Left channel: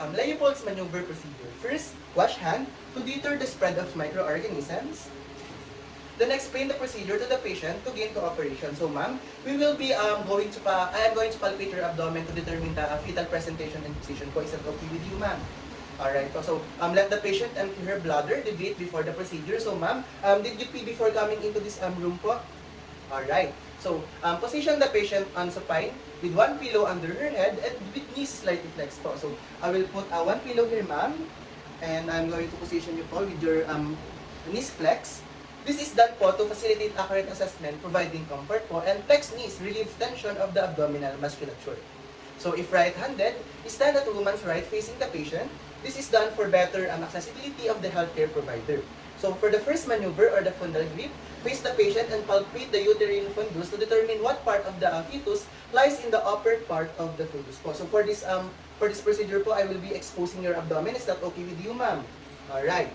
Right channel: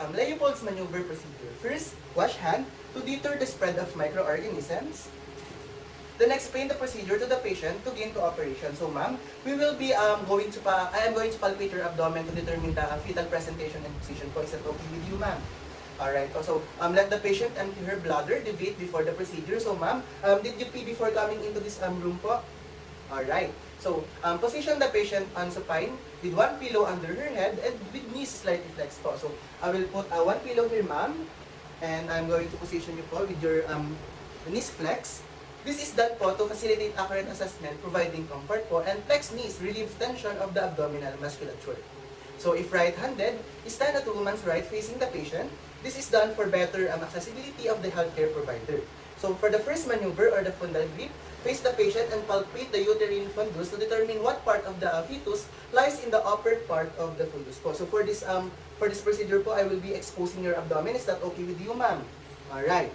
Leopold's maneuver procedure. First, wash hand to deter the spread of microorganisms. Then explain the procedure to the patient to gain cooperation. So ma'am, we will be I am going to palpate your abdomen to determine the fetal presentation and position po. Is that okay with you, ma'am? Alright po. So let the patient empty her bladder, deviate before the procedure. So ma'am, did you pee before coming into this room po? Alright. So position the patient on supine with one pillow under her head and with knees slightly flexed po. So I will put one pillow here, ma'am, and I'm going to position you po with your knees flexed. This is done po to facilitate accurate assessment, providing comfort po, and flexed knees relieve tension of the abdominal musculature. So if right-handed, stand at the woman's right facing the patient. This is done for better accessibility of the healthcare provider. So for the first maneuver or the fundal grip, face the patient and palpate the uterine fundus to determine what part of the fetus lies in the upper part of the fundus po. So for this procedure po, I will be exposing your abdomen. Is that okay with you, ma'am? Alright.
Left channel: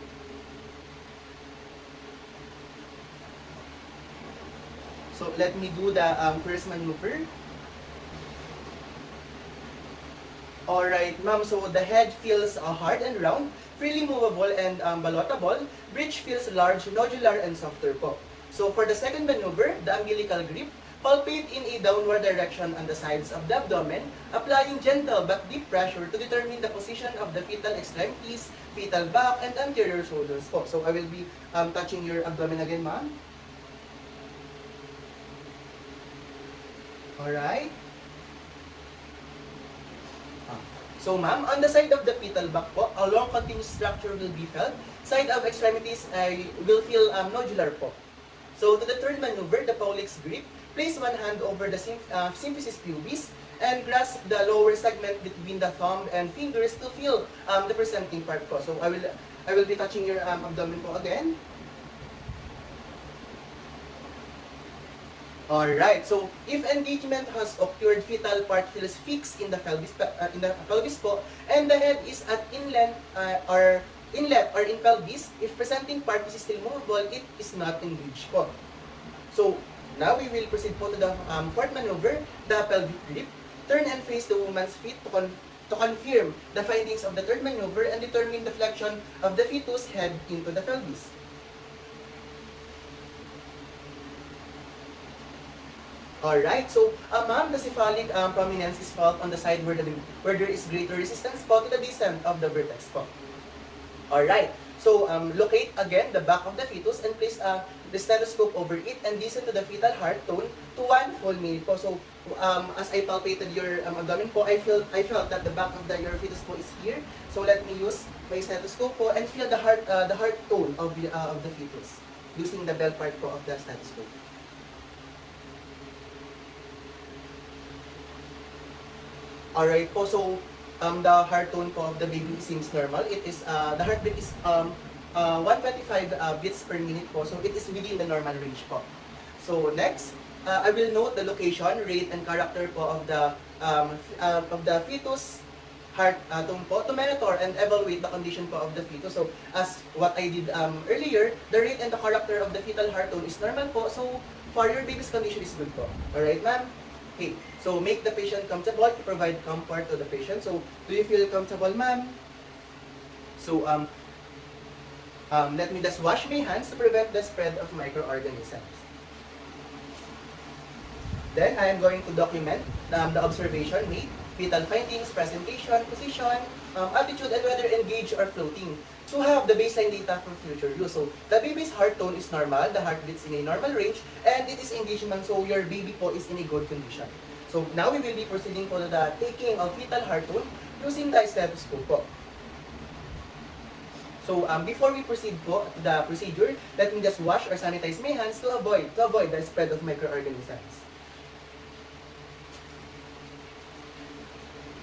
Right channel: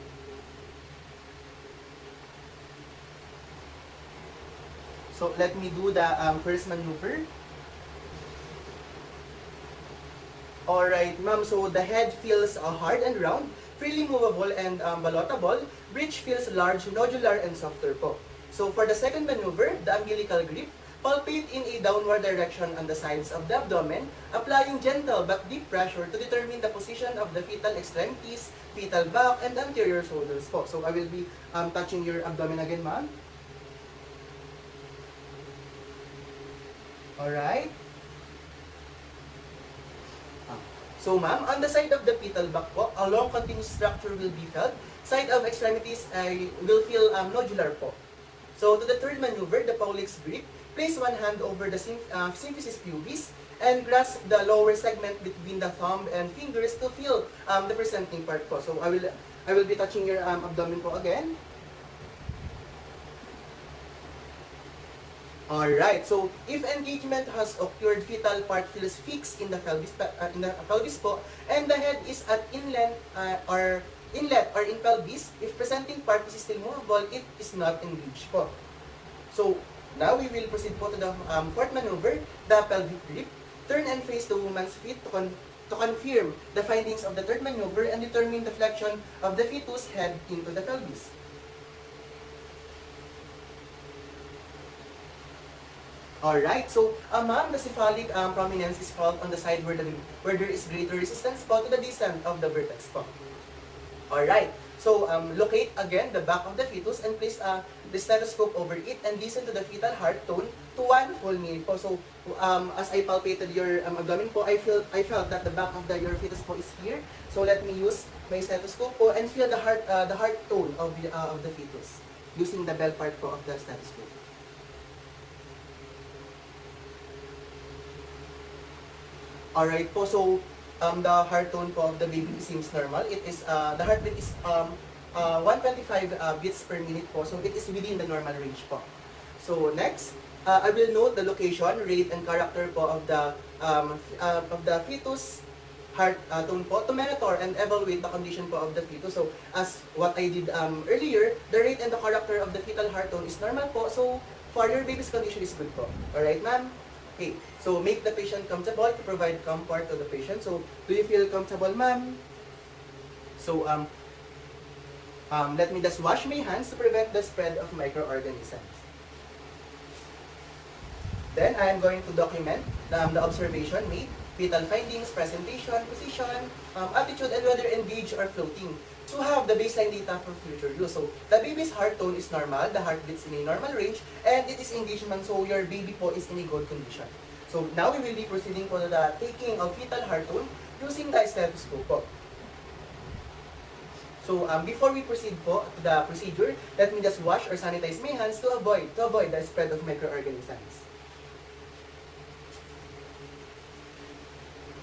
So let me do the first maneuver. Alright, ma'am. So the head feels hard and round, freely movable and ballotable. Bridge feels large, nodular, and softer po. So for the second maneuver, the umbilical grip, palpate in a downward direction on the sides of the abdomen, applying gentle but deep pressure to determine the position of the fetal extremities, fetal back, and anterior shoulders po. So I will be touching your abdomen again, ma'am. Alright. So ma'am, on the side of the fetal back po, a long continuous structure will be felt. Side of extremities will feel nodular po. So to the third maneuver, the Paulick's grip, place one hand over the symphysis pubis and grasp the lower segment between the thumb and fingers to feel the presenting part po. So I will be touching your abdomen po again. Alright, so if engagement has occurred, fetal part feels fixed in the pelvis po, and the head is at inlet or in pelvis. If presenting part is still movable, it is not engaged po. So now we will proceed po to the fourth maneuver, the pelvic grip. Turn and face the woman's feet to confirm the findings of the third maneuver and determine the flexion of the fetus head into the pelvis. Alright, so ma'am, the cephalic prominence is felt on the side where there is greater resistance po to the descent of the vertex po. Alright, so locate again the back of the fetus and place the stethoscope over it and listen to the fetal heart tone to 1 full minute po. So as I palpated your abdomen po, I felt that the back of your fetus po is here. So let me use my stethoscope po and feel the heart tone of the fetus using the bell part po of the stethoscope. Alright po, so the heart tone po of the baby seems normal. It is the heartbeat is 125 beats per minute po, so it is within the normal range po. So next, I will note the location, rate, and character po of the fetus heart tone po to monitor and evaluate the condition po of the fetus. So as what I did earlier, the rate and the character of the fetal heart tone is normal po. So for your baby's condition is good po. Alright, ma'am? Okay, so make the patient comfortable to provide comfort to the patient. So, do you feel comfortable, ma'am? So, let me just wash my hands to prevent the spread of microorganisms. Then, I am going to document the observation made, fetal findings, presentation, position, attitude, and whether engaged or floating, to have the baseline data for future use. So, the baby's heart tone is normal, the heart beats in a normal range, and it is engagement, so your baby po is in a good condition. So, now we will be proceeding po to the taking of fetal heart tone using the stethoscope po. So, before we proceed po to the procedure, let me just wash or sanitize my hands to avoid the spread of microorganisms.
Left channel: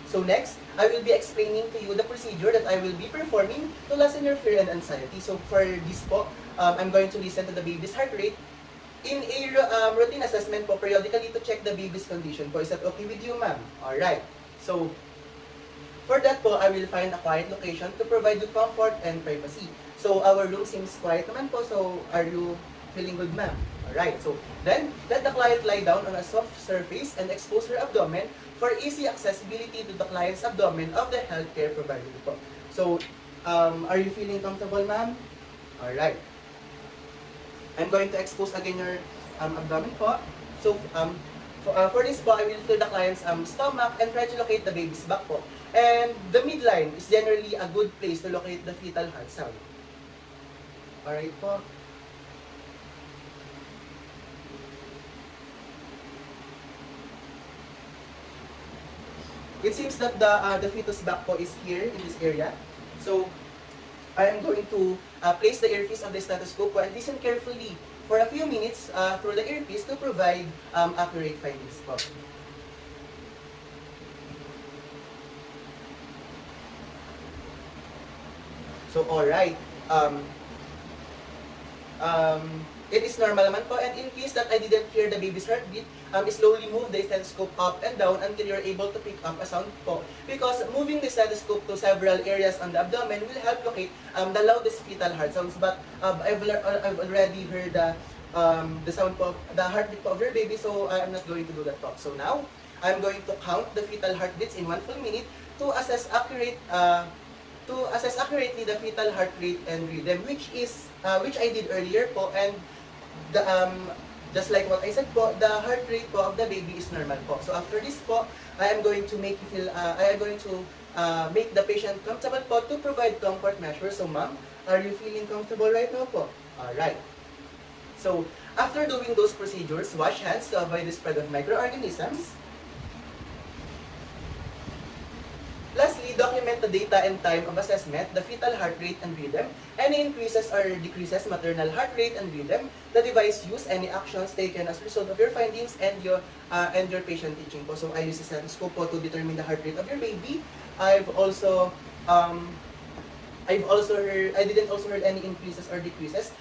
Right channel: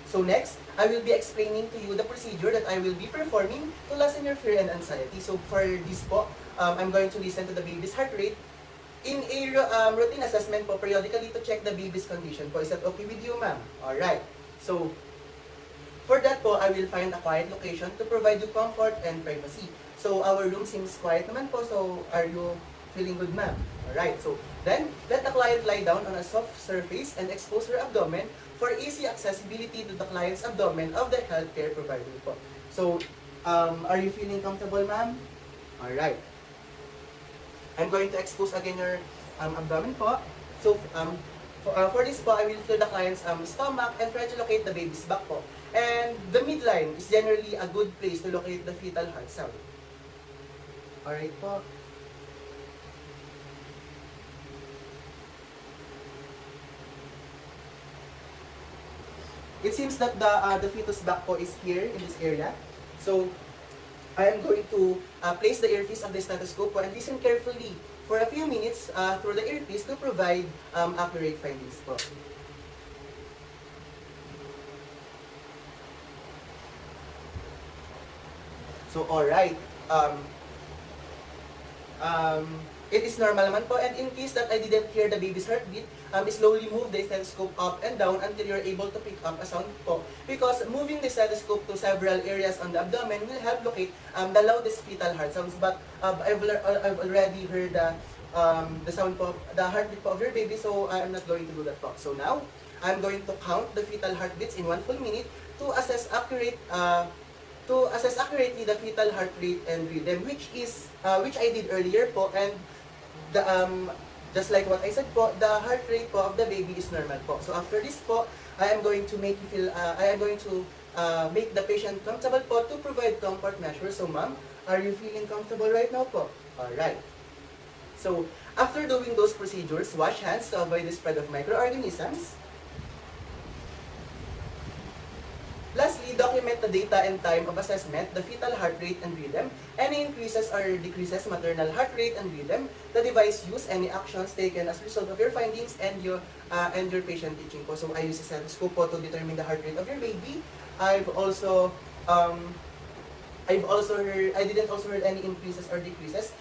So next, I will be explaining to you the procedure that I will be performing to lessen your fear and anxiety. So for this po, I'm going to listen to the baby's heart rate in a routine assessment po periodically to check the baby's condition po. Is that okay with you, ma'am? Alright. So, for that po, I will find a quiet location to provide you comfort and privacy. So our room seems quiet naman po. So are you Feeling good, ma'am? Alright, so then let the client lie down on a soft surface and expose her abdomen for easy accessibility to the client's abdomen of the healthcare provider po. So, are you feeling comfortable, ma'am? Alright. I'm going to expose again your abdomen po. So, for this po, I will feel the client's stomach and try to locate the baby's back po. And the midline is generally a good place to locate the fetal heart sound. Alright po. It seems that the fetus back po is here in this area. So, I am going to place the earpiece on the stethoscope po and listen carefully for a few minutes through the earpiece to provide accurate findings po. So, alright. It is normal naman po, and in case that I didn't hear the baby's heartbeat, slowly move the stethoscope up and down until you're able to pick up a sound po. Because moving the stethoscope to several areas on the abdomen will help locate the loudest fetal heart sounds. But I've already heard the sound po, the heartbeat po of your baby, so I'm not going to do that po. So now, I'm going to count the fetal heartbeats in 1 full minute to assess accurately the fetal heart rate and rhythm, which I did earlier po, and the just like what I said po, the heart rate po of the baby is normal po. So after this po, I am going to make the patient comfortable po to provide comfort measures. So ma'am, are you feeling comfortable right now po? Alright. So after doing those procedures, wash hands to avoid the spread of microorganisms. Lastly, document the data and time of assessment, the fetal heart rate and rhythm, any increases or decreases maternal heart rate and rhythm, the device used, any actions taken as a result of your findings, and your patient teaching po. So I use a stethoscope po to determine the heart rate of your baby. I didn't also heard any increases or decreases.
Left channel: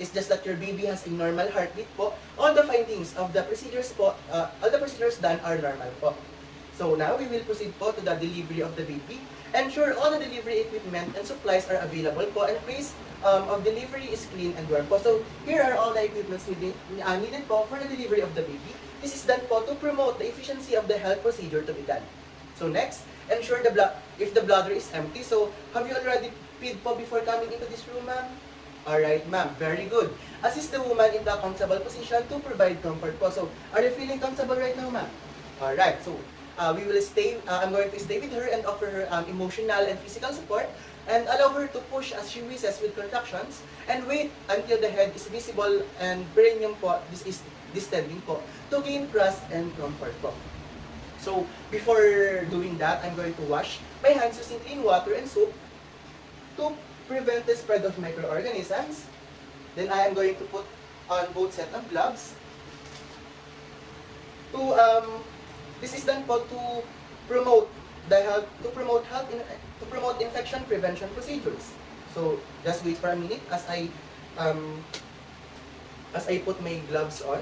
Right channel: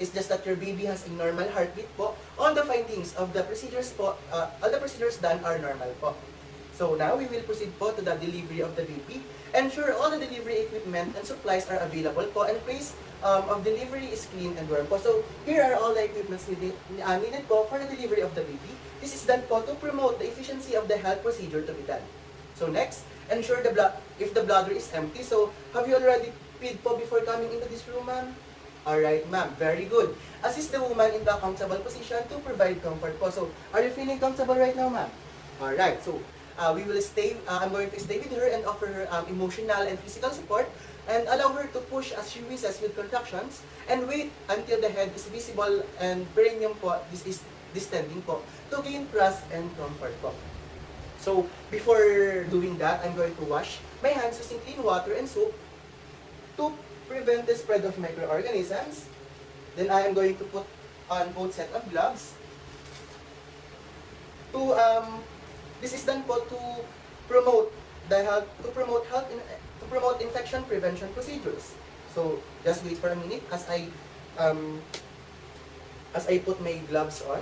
It's just that your baby has a normal heartbeat po. All the findings of the procedures po, all the procedures done are normal po. So now we will proceed po to the delivery of the baby. Ensure all the delivery equipment and supplies are available po, and place of delivery is clean and warm po. So here are all the equipments needed po for the delivery of the baby. This is done po to promote the efficiency of the health procedure to be done. So next, ensure if the bladder is empty. So have you already peed po before coming into this room, ma'am? Alright, ma'am. Very good. Assist the woman in the comfortable position to provide comfort po. So are you feeling comfortable right now, ma'am? Alright, so I'm going to stay with her and offer her emotional and physical support, and allow her to push as she wishes with contractions, and wait until the head is visible and perineum po, this is distending po, to gain trust and comfort po. So before doing that, I'm going to wash my hands using clean water and soap to prevent the spread of microorganisms. Then I am going to put on both set of gloves to this is done po to promote infection prevention procedures. So just wait for a minute as I put my gloves on.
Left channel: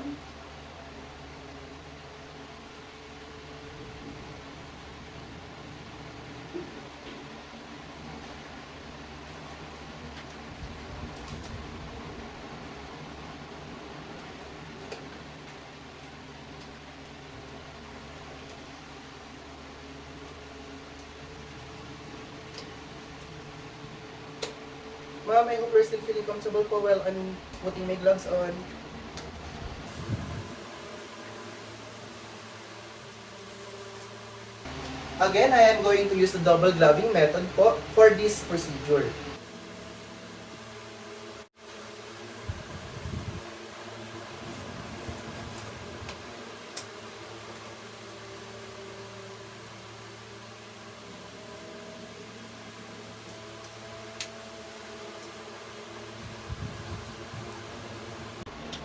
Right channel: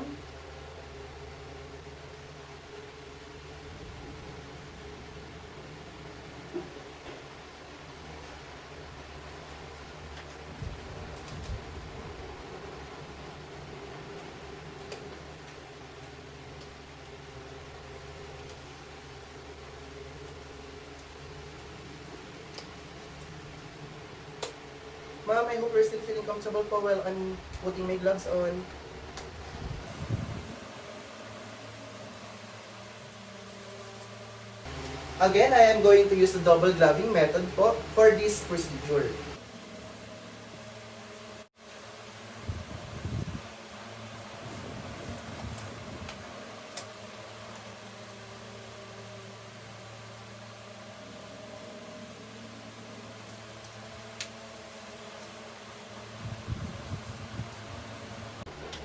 Ma'am, I hope you're still feeling comfortable po while I'm putting my gloves on. Again, I am going to use the double gloving method po for this procedure.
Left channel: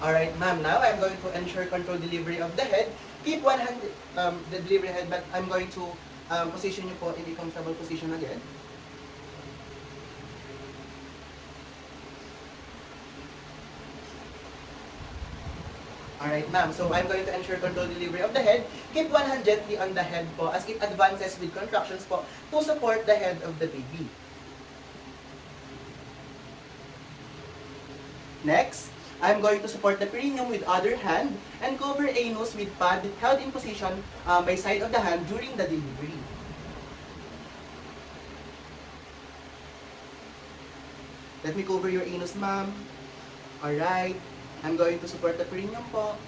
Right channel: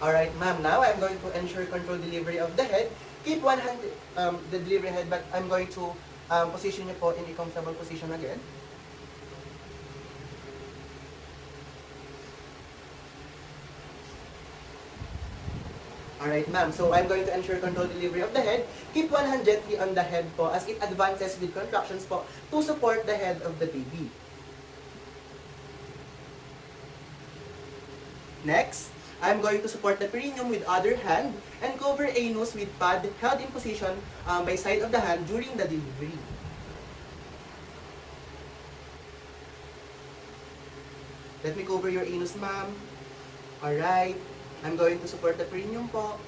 Alright, ma'am, now I'm going to ensure controlled delivery of the head. Keep one hand, the delivery head, but I'm going to position you po in a comfortable position again. Alright, ma'am, so I'm going to ensure controlled delivery of the head. Keep one hand gently on the head po as it advances with contractions po to support the head of the baby. Next, I'm going to support the perineum with other hand and cover anus with pad held in position by side of the hand during the delivery. Let me cover your anus, ma'am. Alright. I'm going to support the perineum po.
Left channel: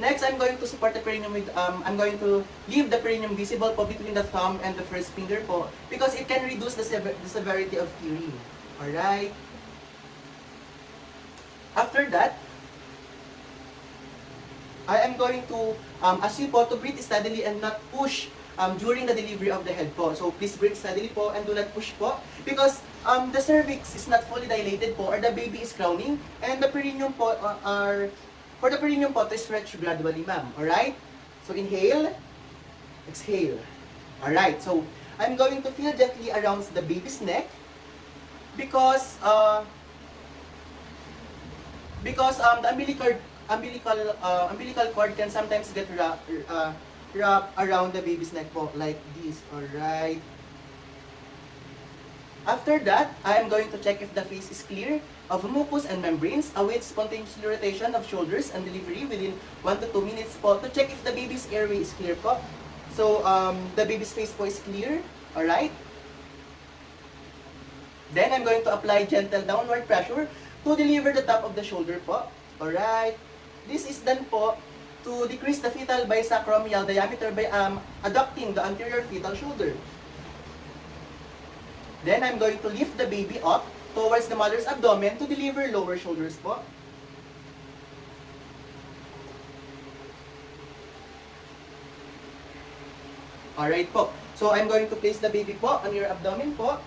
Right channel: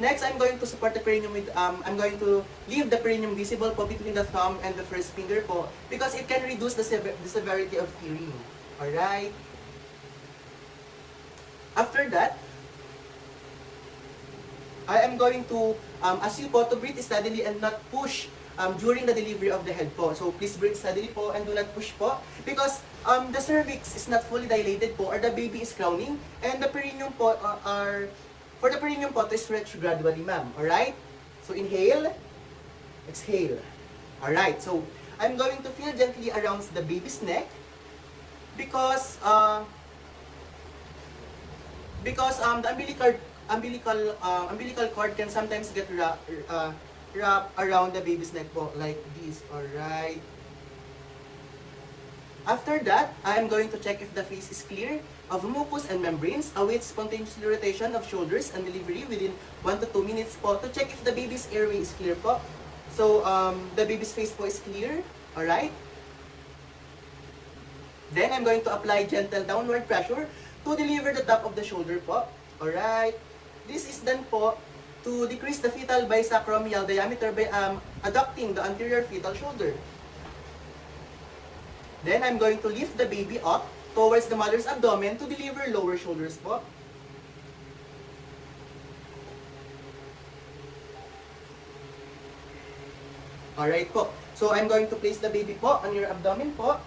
Next, I'm going to support the perineum with, I'm going to leave the perineum visible po between the thumb and the first finger po because it can reduce the severity of tearing. Alright. After that, I am going to ask you po to breathe steadily and not push during the delivery of the head po. So please breathe steadily po and do not push po because the cervix is not fully dilated po or the baby is crowning and the perineum po for the perineum po to stretch gradually, ma'am. Alright? So inhale, exhale. Alright, so I'm going to feel gently around the baby's neck because the umbilical cord can sometimes get wrapped around the baby's neck po, like this. Alright. After that, I am going to check if the face is clear of mucus and membranes, await spontaneous rotation of shoulders and delivery within 1 to 2 minutes po to check if the baby's airway is clear po. So, the baby's face po is clear. Alright. Then, I'm going to apply gentle downward pressure to deliver the top of the shoulder po. Alright. This is done po to decrease the fetal bisacromial diameter by adducting the anterior fetal shoulder. Then, I'm going to lift the baby up towards the mother's abdomen to deliver lower shoulders po. Alright po. So, I'm going to place the baby po on your abdomen po.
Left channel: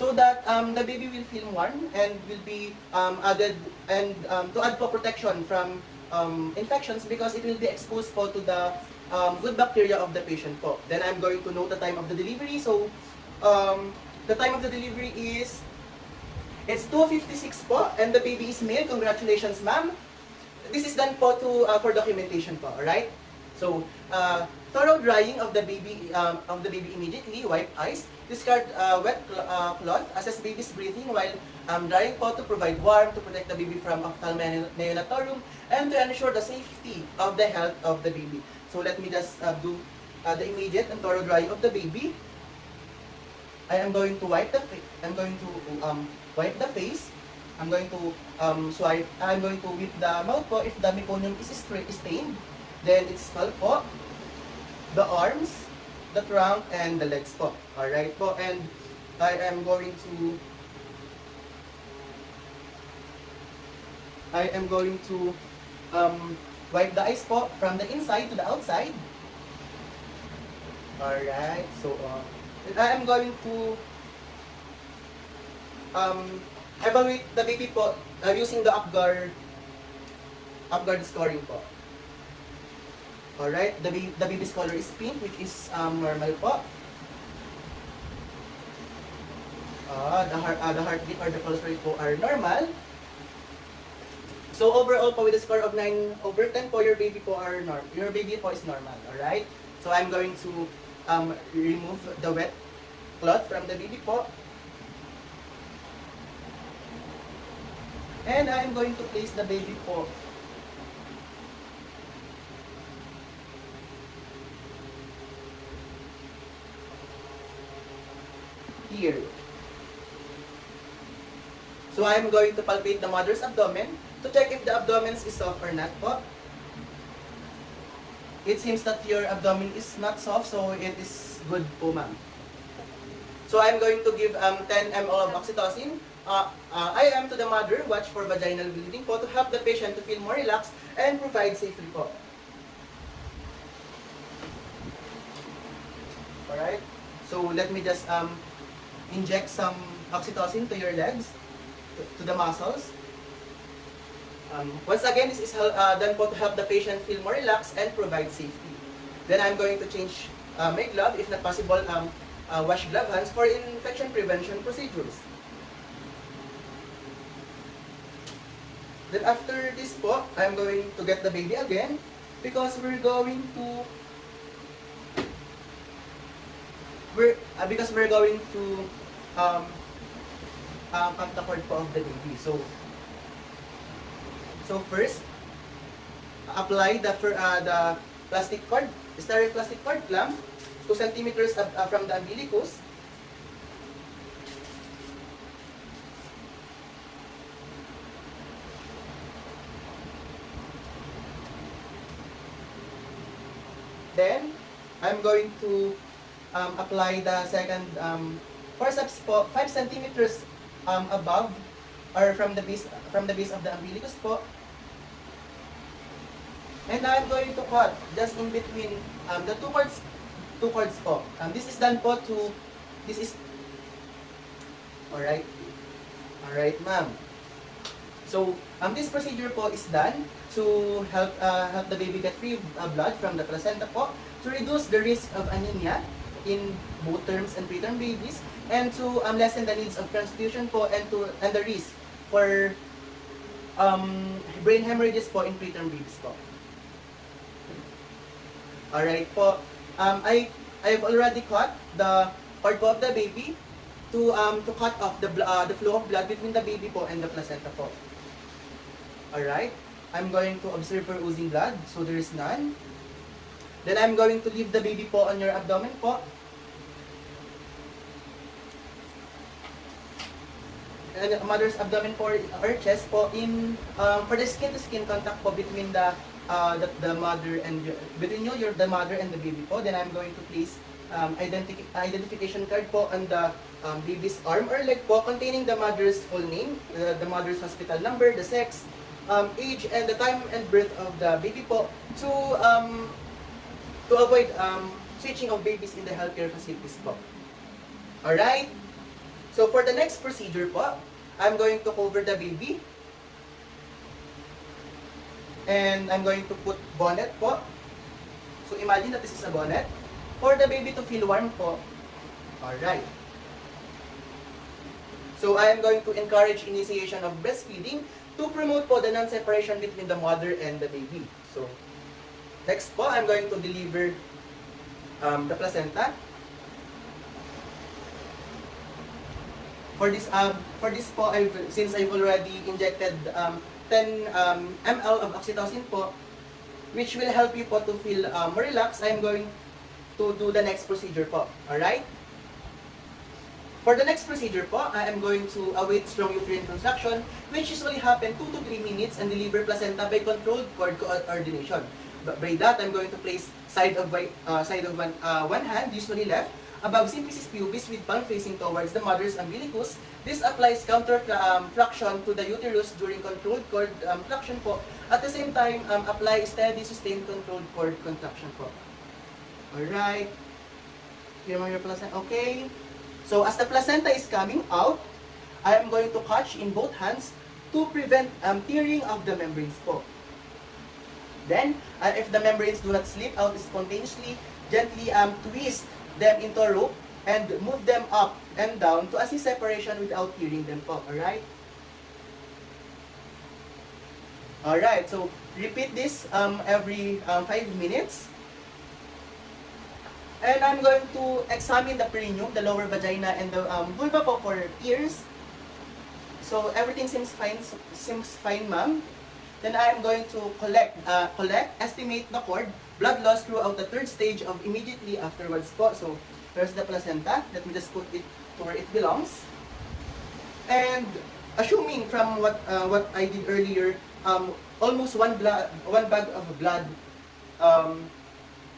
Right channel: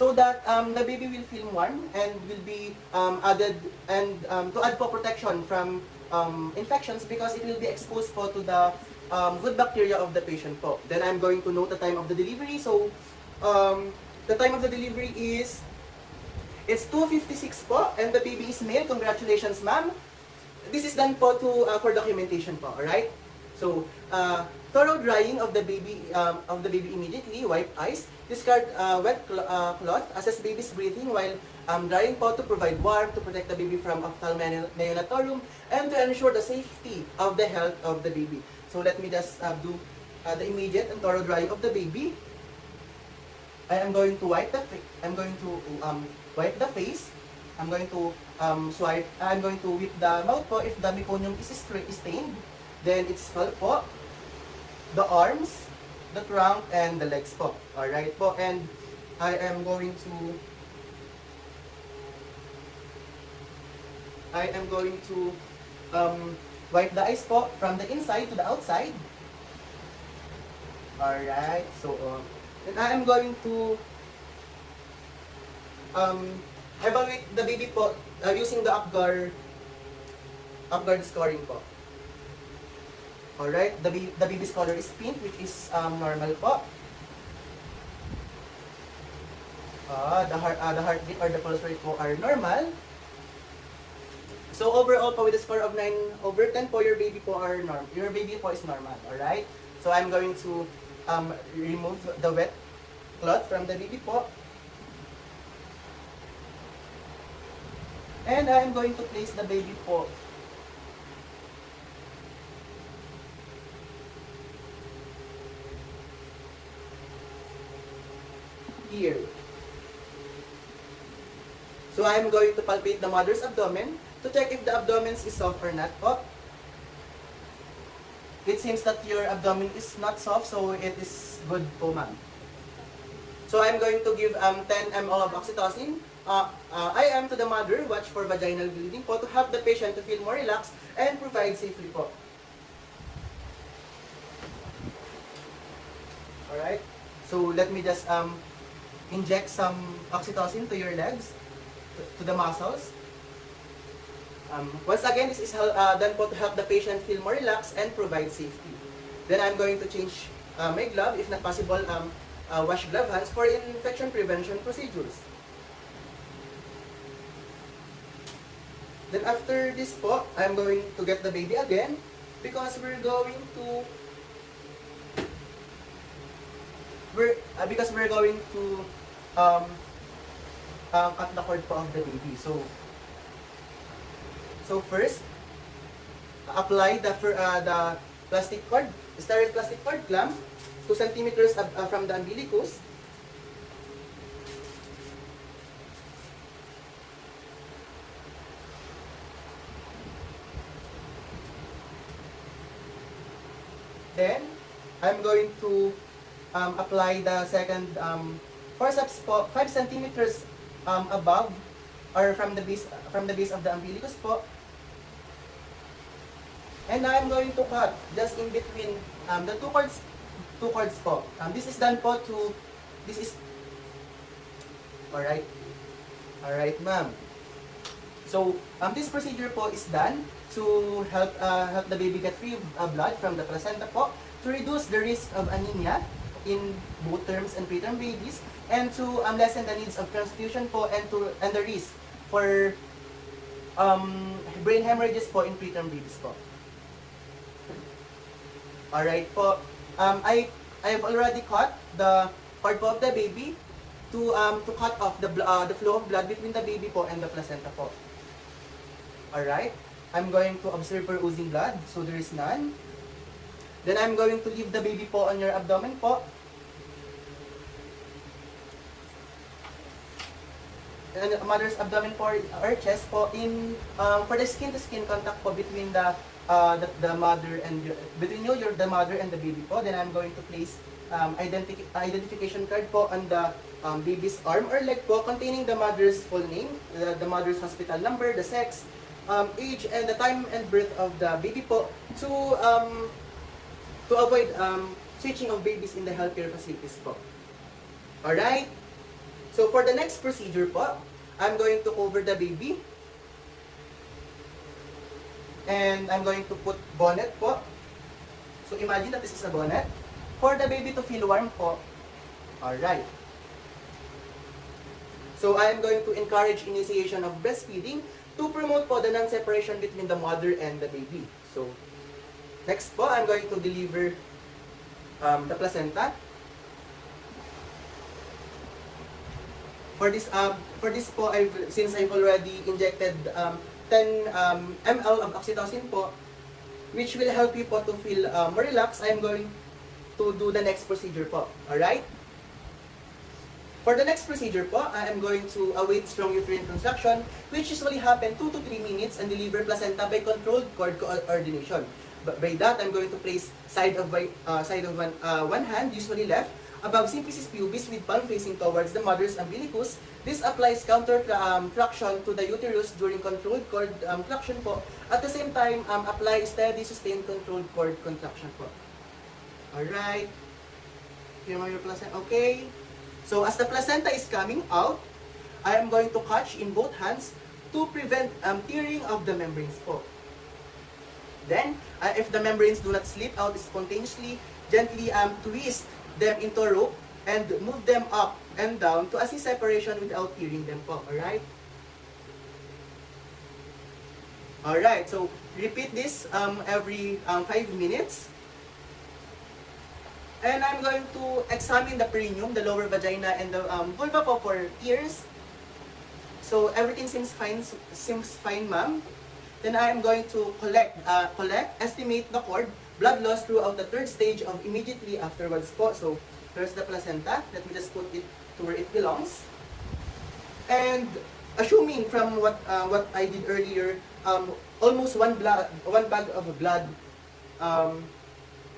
So that the baby will feel warm and will be added and to add po protection from infections because it will be exposed po to the good bacteria of the patient po. Then I'm going to note the time of the delivery. So the time of the delivery is it's 2:56 po and the baby is male. Congratulations, ma'am. This is done po to for documentation po. All right. So thorough drying of the baby immediately. Wipe eyes. Discard wet cloth. Assess baby's breathing while drying po to provide warmth to protect the baby from ophthalmic neonatorium and to ensure the safety of the health of the baby. So let me just do the immediate and thorough drying of the baby. I am going to wipe the face. I'm going to wipe the face. I'm going to swipe. I'm going to whip the mouth po if the meconium is stained. Then it's scalp po, the arms, the trunk, and the legs po. Alright po. And I am going to wipe the eyes po from the inside to the outside. Alright, so and I am going to evaluate the baby po using the Apgar scoring po. Alright, the baby's color is pink, which is normal po. The heartbeat or the pulse rate po are normal. So overall po with a score of 9/10 po, your baby po is normal. Alright? So I'm going to remove the wet cloth from the baby po. And I'm going to place the baby po here. So I'm going to palpate the mother's abdomen to check if the abdomen is soft or not po. It seems that your abdomen is not soft, so it is good po, ma'am. So I'm going to give 10 ml of oxytocin. IM to the mother, watch for vaginal bleeding po to help the patient to feel more relaxed and provide safely po. Alright? So let me just inject some oxytocin to your legs, to the muscles. Once again, this is done po to help the patient feel more relaxed and provide safety. Then I'm going to change my glove, if not possible, wash glove hands for infection prevention procedures. Then after this po, I'm going to get the baby again because we're going to cut the cord po of the baby. So first, apply the plastic cord, sterile plastic cord clamp, 2 centimeters from the umbilicus. Then, I'm going to apply the second forceps po, 5 centimeters above or from the base of the umbilicus po. And now I'm going to cut just in between the two cords po. This is done po to, this is, alright, ma'am. So, this procedure po is done to help the baby get free blood from the placenta po, to reduce the risk of anemia in both terms and preterm babies, and to lessen the needs of transfusion po, and the risk for brain hemorrhages po in preterm babies po. Alright po. I've already cut the cord po of the baby to cut off the flow of blood between the baby po and the placenta po. Alright. I'm going to observe for oozing blood, so there is none. Then I'm going to leave the baby po on your abdomen po. And mother's abdomen po or chest po in for the skin to skin contact po between the mother and the mother and the baby po. Then I'm going to place identification card po on the baby's arm or leg po, containing the mother's full name, the mother's hospital number, the sex, age, and the time and birth of the baby po, to avoid switching of babies in the healthcare facilities po. Alright? So for the next procedure po, I'm going to cover the baby. And I'm going to put bonnet po. So imagine that this is a bonnet. For the baby to feel warm po. Alright. So I am going to encourage initiation of breastfeeding to promote po the non-separation between the mother and the baby. So next po, I'm going to deliver the placenta. For this po, since I've already injected 10 ml of oxytocin po, which will help you po to feel more relaxed, I am going to do the next procedure po. Alright? For the next procedure po, I am going to await strong uterine contraction, which usually happen 2 to 3 minutes, and deliver placenta by controlled cord coordination. But by that, I'm going to place side of one hand, usually left, above symphysis pubis with palm facing towards the mother's umbilicus. This applies counter traction to the uterus during controlled cord traction po. At the same time, apply steady, sustained controlled cord contraction po. Alright. Here are your placenta. Okay. So as the placenta is coming out, I am going to catch in both hands to prevent tearing of the membranes po. Then, if the membranes do not slip out spontaneously, gently twist them into a rope and move them up and down to assist separation without tearing them po. Alright? Alright, so repeat this every 5 minutes. And I'm going to examine the perineum, the lower vagina, and the vulva po for ears. So everything seems fine, ma'am. Then I am going to estimate the cord blood loss throughout the third stage of immediately afterwards po. So there's the placenta. Let me just put it to where it belongs. And assuming from what I did earlier, almost one bag of blood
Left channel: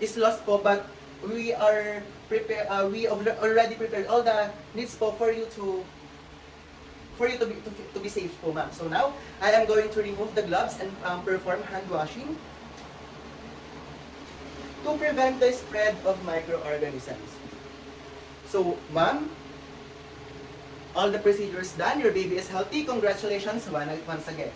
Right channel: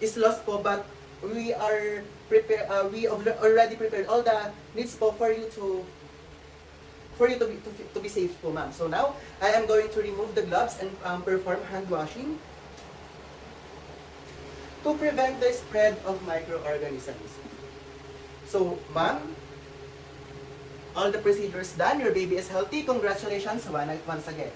is lost po, but we are prepared. We already prepared all the needs po for you to be safe po, ma'am. So now I am going to remove the gloves and perform hand washing to prevent the spread of microorganisms. So, ma'am, all the procedures done. Your baby is healthy. Congratulations once again.